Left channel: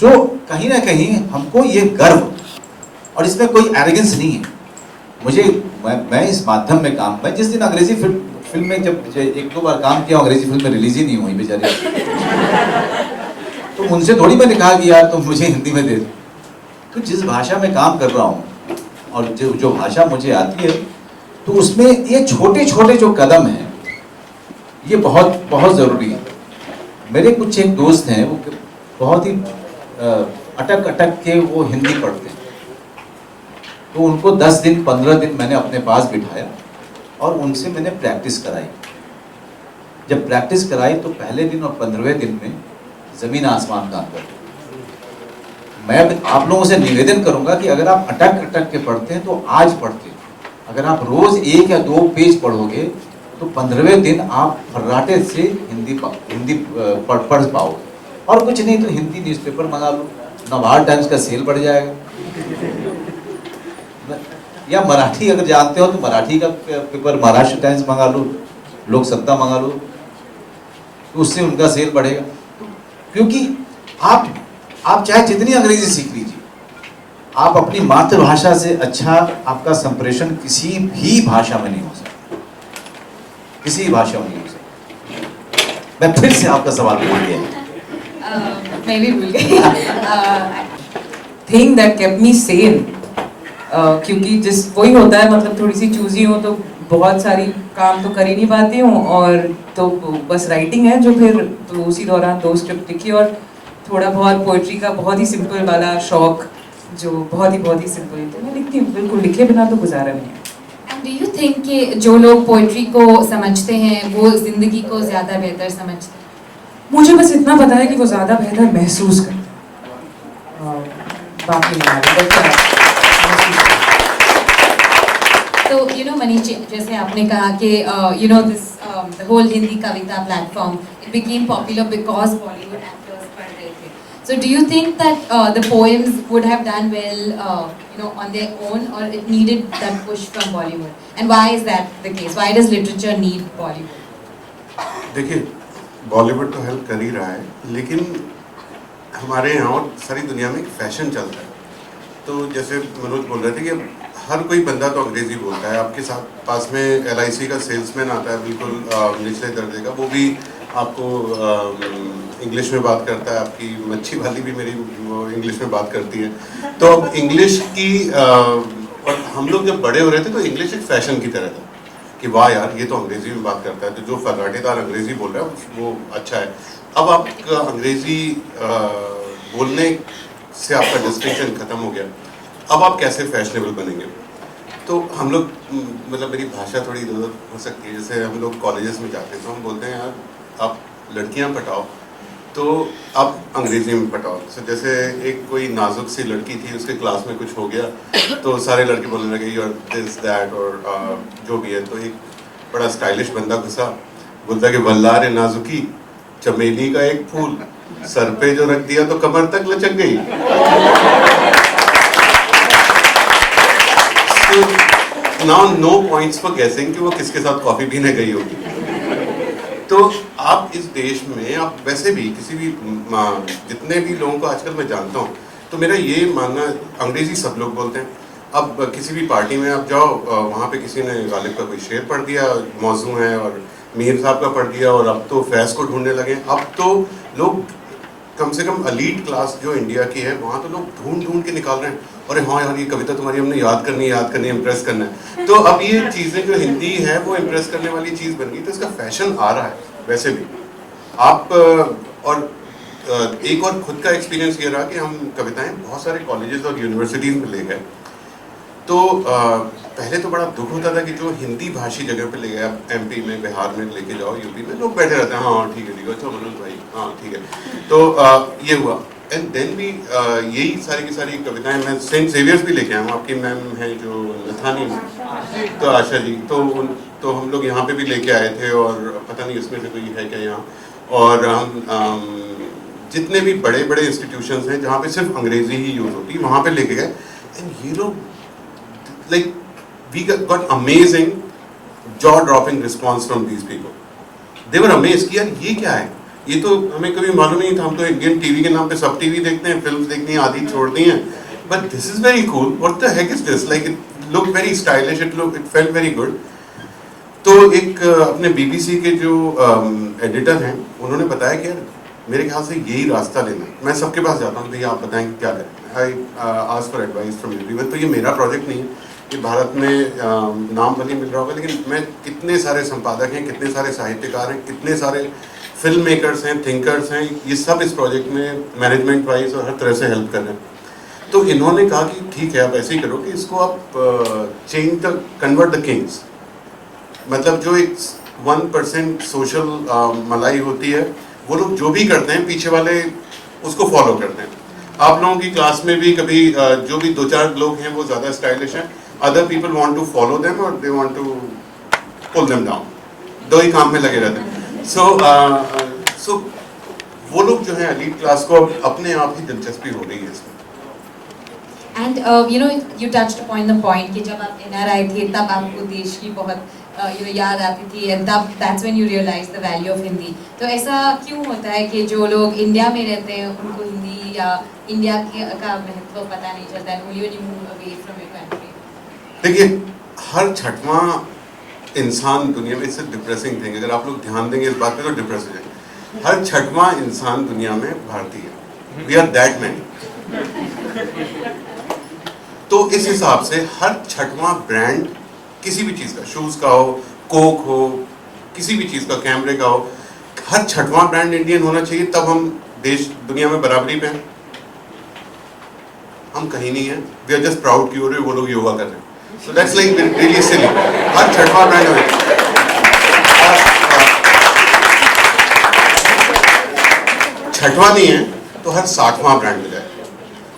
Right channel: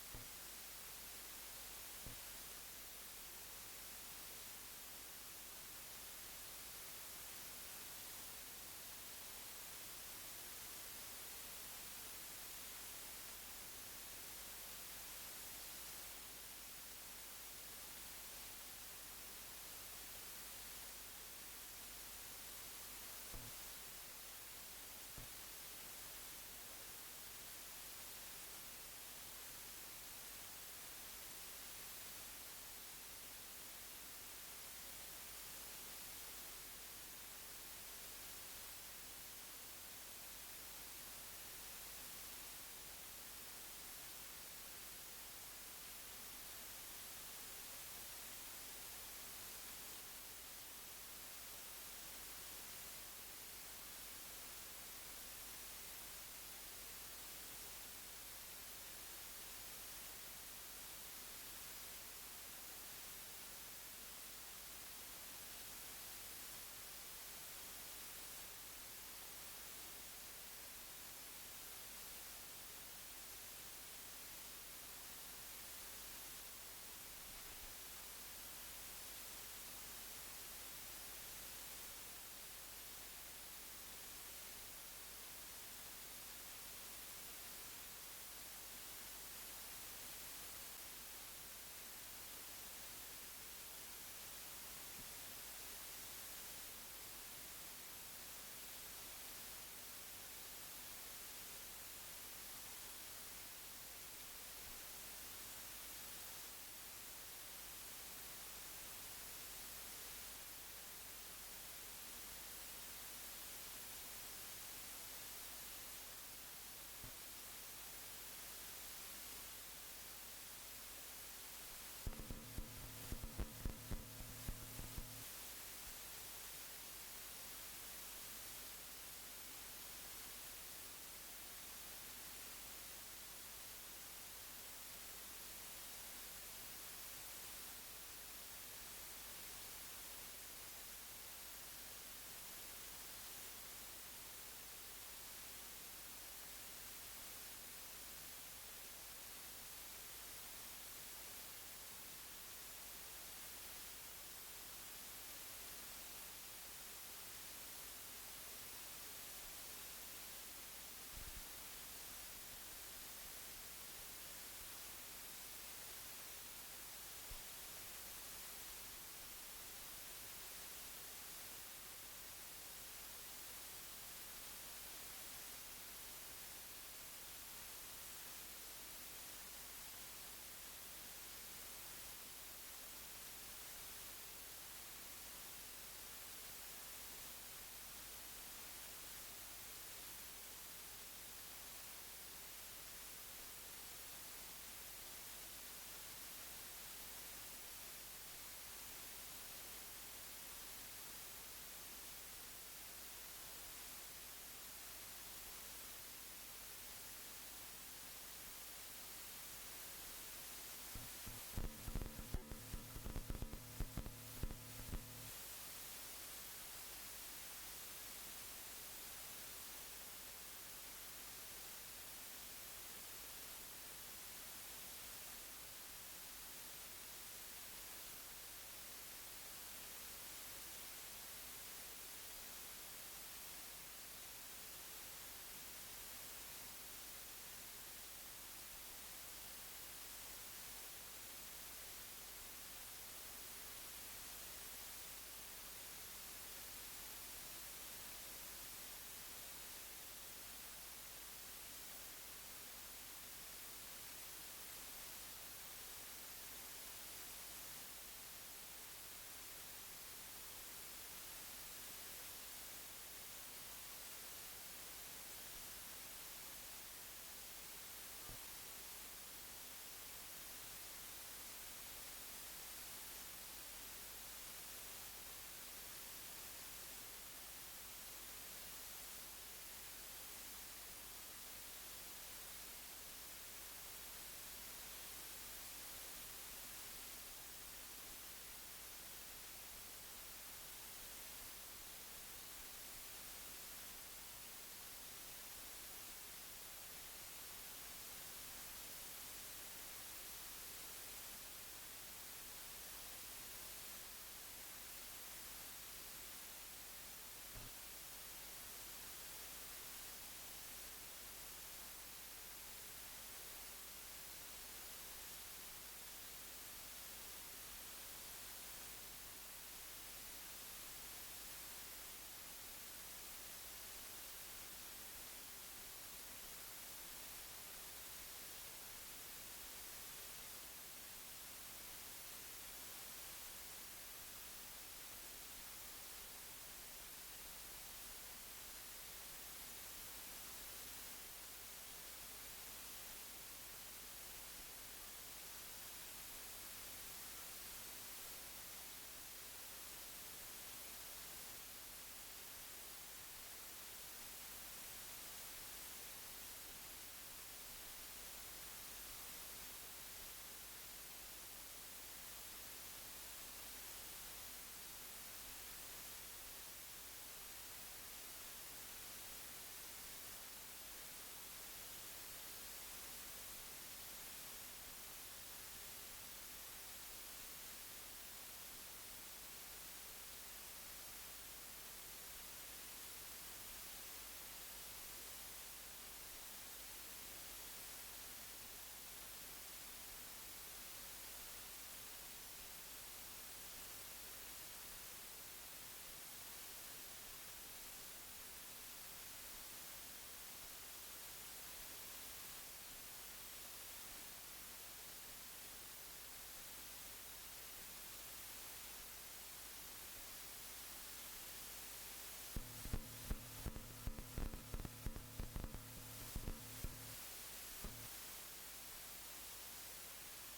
सो कहीं ना कहीं हमको ये गर्व, और इसमें कोई एरोगेंस नहीं है। मैं इस माध्यम में काम, मैं जिस दिन अंग्रेजी फिल्म में जब एक दो बार काम किया, अंग्रेजी फिल्म में रिलीज ही नहीं हुई बेचारी, तो उनसे थोड़ी मैंने कहा कि यार तुम मुझे हिंदी में दे दो। तो जिस भाषा में काम कर रहा हूँ और जो भाषा मुझे आती है, तो उसमें ये छोटे छोटे जो कदम हैं ये बहुत बहुत ज़रूरी है। मेरे कुछ एक दोस्त हैं, वो बहुत ही अटक अटक के वो हिंदी पढ़ते हैं, तो उनको 10 दिन 15 दिन मैंने अपने पास बिठाया और उनसे मैंने प्रैक्टिस कराई। जब प्रैक्टिस कराई तो पहले दिन और 15वें दिन में ज़मीन आसमान का अंतर। मैं आप लोगों से निवेदन करूंगा कि अगर आप अटक अटक के पढ़ते हैं तो आज पढ़ते हैं, अगर आप रोज 1 या 2 पेज पढ़ोगे तो 15वें दिन आप फर्राटे से हिंदी पढ़ पाओगे। और कुछ नहीं तो हिंदी न्यूज़पेपर मंगा लो, नवभारत टाइम्स का सेल बढ़ जाएगा, या मराठी अगर जानते हो तो मराठी का पेपर महाराष्ट्र टाइम्स मंगा लो, लोक सत्ता मंगा लो, तो उससे उनका सेल बढ़ेगा। क्योंकि आप चाहे जितनी अंग्रेजी सीख लीजिए, आप अपनी मातृभाषा से अच्छा आपका संप्रेषण किसी भी भाषा में नहीं हो सकता, किसी भाषा में नहीं हो सकता। मैं फिर से आपका सवाल भूल गया। मैं भी भूल गई। Thing that kept me Sen, क्योंकि जिस वही होता है, मतलब थोड़ी सी चूजी हो तो बहुत सारी काम तो कर ही नहीं पाती हूँ, और तो बस राइटिंग है जो फिर तो उसी दौरान 2 स्क्रिप्ट लिखी, और थोड़ा बहुत पोइट्री का बहुत ही सिंपल वाला शौक जो बहुत ही सिंपल है, तो मैं लिखती हूँ, बिल्कुल लिखे बिना तो गुजारा नहीं है। And do you think कि जो लोग पोइट्री को समझते हैं वो जिंदगी को ज़्यादा बेहतर समझते हैं? मुझे बस इतना पता है कि वो ज़्यादा बेहतर महसूस करते हैं, बाकी नहीं। तो मनीष जी, जैसे आपने कहा कि this the whole Hindi kavita platform it became popular because Bollywood actors पढ़ रहे थे. So do you think that the poems would have done well on their own, or it needed that push from Bollywood? And why is that the case? Why does literature need Bollywood? देखिए, बॉलीवुड तो help कर ही रहा है, लेकिन हमारे यहाँ और सारी दुनिया में एक फैशन चल रहा है। तो जैसे मनोज बोल रहे थे कि हर कोई बंदा तो अंग्रेजी बोलता है। आपके साथ पास में LIC का सेल्समैन आता है, बिल्कुल निचले दर्जे का, वो भी आपको इंग्लिश में बात करता है। आपकी मच्छी वाली भी मेरी इंग्लिश में बात करती है। तो अब इंग्लिश की और हम लोग जब बड़े हो रहे थे तो इंग्लिश एक फैशन की तरह था कि वाह यार ये तो अंग्रेजी में बात करता है, तो जो फर्राटेदार अंग्रेजी बोल रहा है वो अच्छा है। अब आपका अंग्रेजी बोलने से आपका डिस्टिंक्शन खत्म हो गया। अब आप कैसे फैशनेबल बनेंगे? तो हम लोग, मतलब मेरी भाषा थोड़ी इधर उधर हो सकती है। जैसे हम लोग कॉलेजेस में जाते हैं तो हम बोलते हैं यार आप लड़कियां पटाओ, तो आप अंग्रेजी में पटाओ। तो जैसे एक कोई नाजुक सी लड़की थी, उसके क्लास में कुछ हो गया तो सारे लड़के बोलने लगे यू आर दिस दैट और जो भी है। तो एक बड़ा स्टाइलिश बंदा घुसा, बोलता कि वल्लाह रे नाजुकी, चमेली का एक फूल सर पे जो रख दिया तो कमर तक लचक गई। नाउ नो पॉइंट्स फॉर गेसिंग कि वो किसके साथ कॉफी पीने गई होगी। तो आप इस देश में आप वैसे भी किसी भी जितने भी लोगों को आजकल मैं जानता हूँ, तो मेरा ये मानना, अंग्रेजी सब लोग बोलते हैं। अब किसी भी पार्टी में आप जाओ, वहाँ पे किसी ने गालिब का कोई शेर पढ़ दिया, मौजू है, और मीर साहब का पढ़ दिया, और अब तो फैज़ को ढूंढने लगे। अब तो लोग कम से कम एलीट क्लास जो इंडिया की है वहाँ तो लोग ढूंढ ढूंढ के निकाल रहे हैं, अरे हाँ यार ये कविता तुम्हारी हमने याद करनी, इम्प्रेस करना है। तो अब ये चीज़ें जो हिंदी है वो इम्प्रेस करने वाली चीज़ बन गई, तो इसका फैशन आ रहा है। वैसे भी आप और एक और खुद का एक्सपीरियंस ये रहा कि हम कविताएं बहुत सारे कॉलेजेस और यूनिवर्सिटीज़ में ले गए। तो पहले तो बड़ा दुख होता था कि जो हिंदी भाषी जगह पे ले गया, MP में, बिहार में लेके जाओ, UP में, लोग बैठे रहते हैं, हाँ ठीक है अच्छा मनोज भाई, हाँ ठीक है। तो ये हुआ। एंड देन भी यही सारी की सारी कविताएं मैं सेंट जेवियर्स भी लेके आया हूँ। आपकी मैम है जो लथानी में, तो आशा जी, तो हम लोग यहाँ पे भी लेके आए थे, और पता नहीं इसमें से कोई है क्या यहाँ। और हम जितने भी बड़े बड़े इंस्टीट्यूशंस हैं जहाँ पे सिर्फ अंग्रेजी ही यूज़ होती है, वहाँ पे लेके गए। एंड ये लोग like we got amazing jaw dropping response from these people. They were amazed कि यार ये क्या है, ये तो हमें कभी मालूम नहीं था, हम तो इंडियन टीवी के नाम पे सब टीवी देखते हैं, फिल्म देखनी है आधी छोड़ दी हैं, but this is very cool, what the heck is this, like it look very stylish, it felt very good. तो एक अपने बीबीसी के जो एडिटर हैं उन्होंने बताया कि यार मेरे ख्याल से यही रास्ता लेना है। मैं सबके पास जाता हूँ, भैया आप बताएं क्या करें, I ask for advice from everyone. तो ये मेरा प्रोजेक्ट नहीं है, ये भारत में नाम भले मिल रहा होगा, लेकिन मैं कितने सारे संपादक हैं, कितने सारे साहित्यकार हैं, कितने सारे फिल्म मेकर्स हैं, थिंकर्स हैं, ये सब इस प्रोजेक्ट में मैनेजमेंट वाइज और हर तरह से हेल्प कर रहे हैं। तो इन्होंने कहा कि ठीक है आप ऐसे ही करो कि इसको आप change the convert the Kings, मतलब जो एक 1% सोशल मलाई होती है, वो लोग जो भी करते हैं पीछे वाले उसको फॉलो करते हैं। आप लोगों की क्लास में भी कभी जो भी 2-4 लोग हैं वो ज़्यादा स्टाइलिश हैं, other people want to follow them और they want to pull them down, दो ही काम में लगे रहते हैं। सो वो लोग जो है एलीट क्लास को अपने आप ही दिलचस्पी हो रही है इसमें। And you know, you touched upon the point कि जब आप NRI थे तब आपको देश की बहुत याद आती थी, and तब that's when you realized the value of Hindi. तो ऐसा क्यों होता है कि जो लोग इंडिया में रहते हैं उनको हिंदी या इंडिया का महत्व पता नहीं चलता है, only when you move away from your country? देखिए, हर छठवां इंसान दुनिया में, इससे डिप्रेसिंग थिंग, अगर आप लोग ध्यान देंगे इस बात पे तो डिप्रेस हो जाएंगे। हर छठवां इंसान दुनिया में भारतीय है, वी आर दैट मैनी। तो इस हिसाब से हर छठवां ब्रांड किसी भी चीज़ का, शूज़ का हो, कोक हो, किसी भी चीज़ का, कैमरे का हो, हर छठवां ब्रांड इंडियन होना चाहिए, तब हम देश दुनिया में बराबरी पे हैं। हम कहीं नहीं हैं, वी आर जस्ट प्राउड कि वो लोग योगा कर रहे हैं, सो दैट्स लाइक रियली सिली। हर छठवां ब्रांड है, छठवां नहीं है तो हर 60वां ब्रांड हो जाए,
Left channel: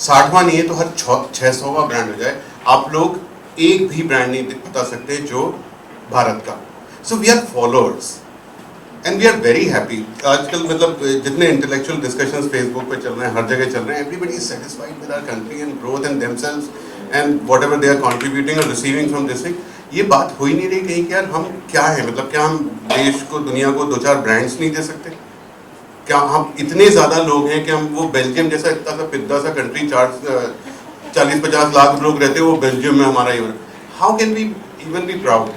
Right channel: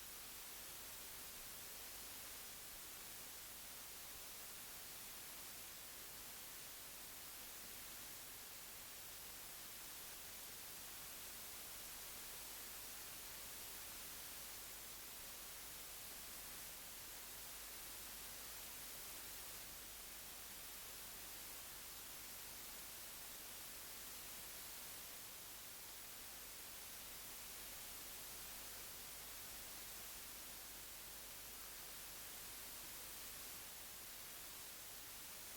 60वां नहीं है तो हर 600वां ब्रांड हो जाए। आप लोग एक भी ब्रांड नहीं बता सकते जो भारत का। So we are followers and we are very happy. आजकल मतलब जितने इंटेलेक्चुअल डिस्कशंस फेसबुक पे चल रहे हैं, हर जगह चल रहे हैं, everybody is satisfied with our country and growth and themselves and whatever they are contributing और रिसीविंग फ्रॉम दिस थिंग। ये बात हो ही नहीं रही कहीं कि यार हम क्या है, मतलब क्या हम देश को, दुनिया को 2-4 ब्रांड्स नहीं दे सकते? क्या हम इतने ज़्यादा लोग हैं कि हम वो बेल्जियम जैसा इतना सा पिद्दा सा कंट्री, 40-50 लाख लोग रहते हैं, वो बेल्जियम में हमारा ही हो रहा है, how can we even be proud?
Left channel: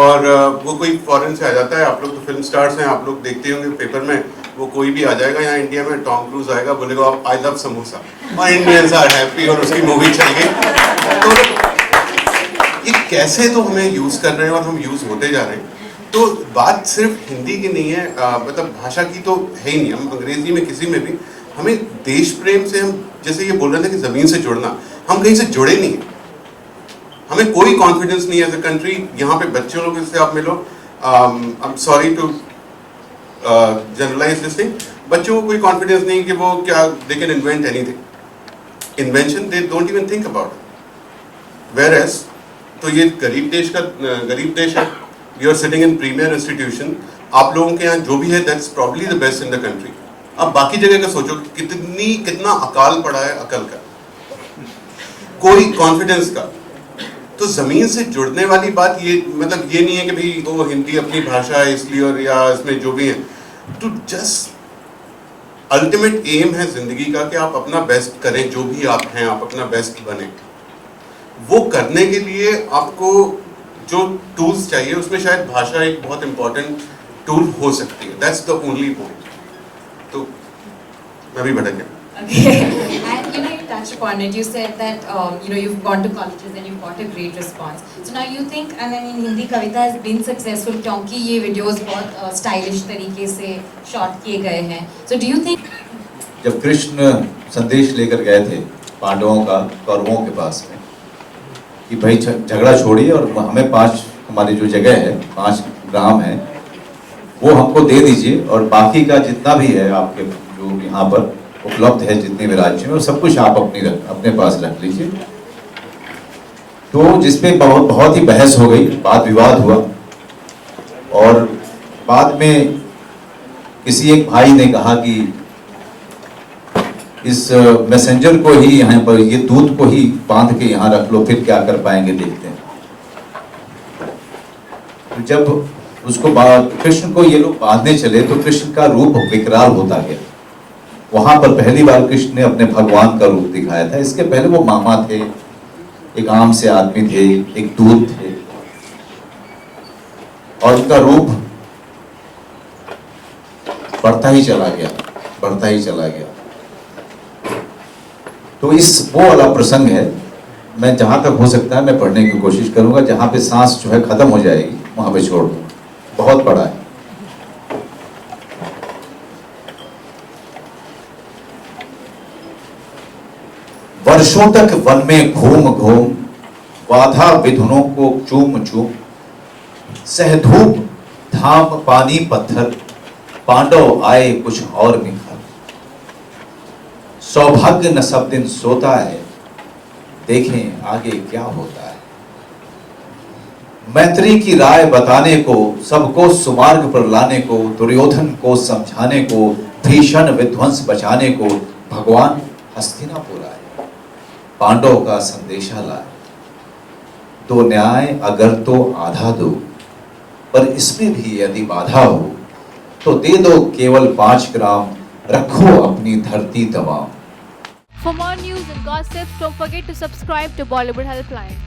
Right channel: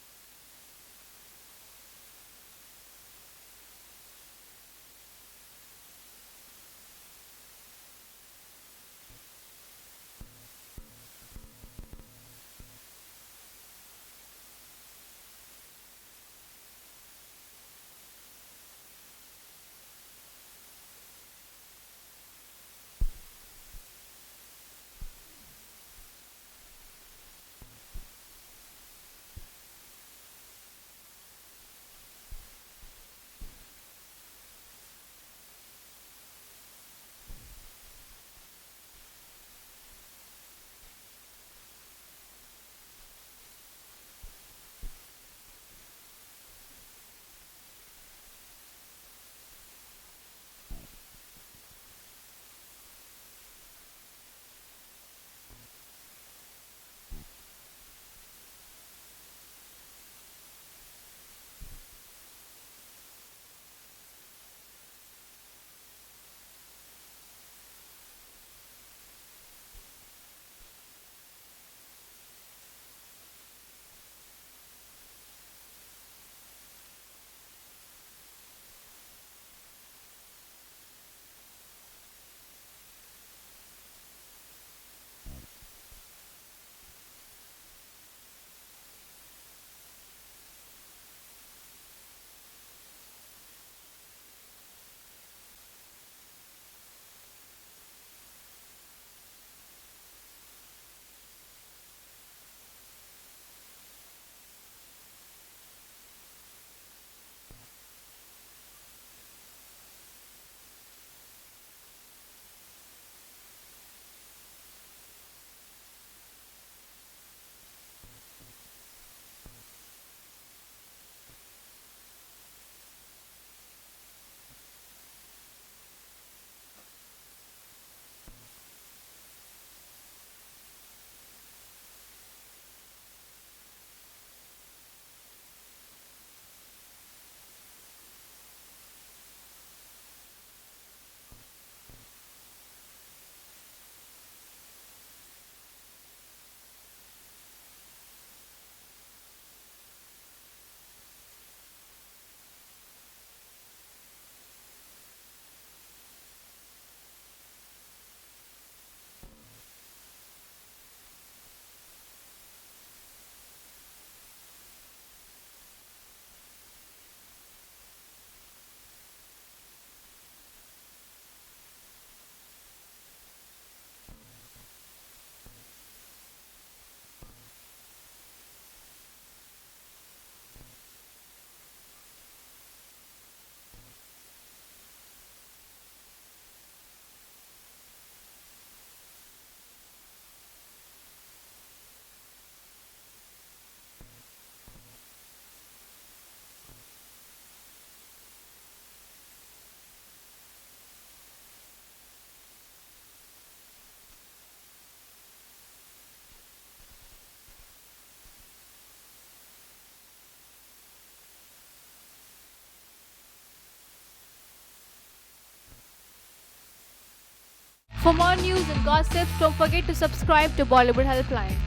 और वो कोई फॉरेन से आ जाता है, आप लोग तो फिल्म स्टार्स हैं, आप लोग देखते होंगे पेपर में, वो कोई भी आ जाएगा यहाँ इंडिया में, टॉम क्रूज आएगा, बोलेगा आप आई लव समोसा, और इंडियंस आर हैप्पी, और उसकी मूवी चल गई। तो ये कैसे तो हमें यूज़ कर रहे हैं और हम यूज़ होते जा रहे हैं। तो बात सिर्फ हिंदी की नहीं है, मतलब भाषा की तो है ही नहीं, हम अंग्रेजी में किसी में भी, हमें देश प्रेम से, हम जैसे ये बोल रहे थे कि ज़मीन से जुड़ना, हम कहीं से जुड़े नहीं हैं, हमें कोई कॉन्फिडेंस नहीं है एज अ कंट्री। यहाँ पे बच्चों लोगों से आप मिलो, I am sorry to generalize this thing, बच्चों को कोई कॉन्फिडेंस नहीं कि वो क्या, they can invent anything, invention they don't even think about, whereas तो ये गरीब देश है, you are sitting in premier institution, आप लोगों के यहाँ जो भी है that's probably the best in the country. अब बाकी जगह का सोचो कितना अकाल पड़ा है अकल का, कोई कॉन्फिडेंस का। तो जमीन से जुड़ने वाली बात ये मतलब ये नहीं है कि भाई वो हिंदी अपनी भाषा है इसलिए, और या इसमें जो भी है, तो जस्ट अल्टीमेट एम है जिंदगी का कि आप अपना बेस्ट करें, जो भी आप हैं आप अपना बेस्ट बने। वो करने के लिए आपको जो टूल्स चाहिए उसमें शायद भाषा एक बहुत इंपॉर्टेंट टूल हो सकती है, दैट्स द ओनली पॉइंट। तो मैं भी भटक गया। Okay. And you touched upon it. You said that you've gone to colleges and you've got a great response. So now you think, and I mean, Hindi Kavita has been successful क्योंकि ये videos बहुत stylish तरीके से shot किए गए हैं. So do you think? जब कृष्ण संदेश लेकर गए थे पांडवों का कौरवों के पास में कि भाई झगड़ा छोड़िए और हमें 5 हमारी जो जगह है 5 ग्राम है वो हमको दे दीजिए, और बाकी का जितना भी है आपके जो यहाँ पर उपलब्ध है जितने भी राज्य में, सब कुछ आप अपने पास रख लीजिए। तो जिसपे बहुत ही बहस हो गई, वाद विवाद हुआ, और बाद में किसी एक भाई ने कहा कि इस मैसेंजर को ही यहाँ पर, ये दूध को ही बांध के यहाँ रख लो, फिर क्या कर पाएंगे देखते हैं। तो जब कृष्ण को ये लोग बांधने चले तो कृष्ण का रूप विकराल होता गया। वहां पर पहली बार कृष्ण ने अपने भगवान का रूप दिखाया था। इसके पहले वो मामा थे, एक आम से आदमी थे, एक दूत थे, और उनका रूप बढ़ता ही चला गया, बढ़ता ही चला गया। तो इस वो वाला प्रसंग है, मैं जहां तक हो सकता है मैं पढ़ने की कोशिश करूंगा, जहां पे सांस जो है खत्म हो जाएगी वहां पे छोड़ दूंगा। बहुत बड़ा है। वर्षों तक वन में घूम घूम बाधा विधुनों को चूम चूम, सहधूप धाम पानी पत्थर, पांडव आए कुछ और निखर। सौभाग्य न सब दिन सोता है, देखें आगे क्या होता है। मैत्री की राय बताने को, सबको सुमार्ग पर लाने को, दुर्योधन को समझाने को, भीषण विध्वंस बचाने को भगवान हस्तिनापुर आए, पांडव का संदेशा लाए। तो न्याय अगर तो आधा दो, पर इसमें भी यदि बाधा हो तो दे दो केवल 5 ग्राम, रखो अपनी धरती तमाम। For more news and gossips, don't forget to subscribe to Bollywood Helpline.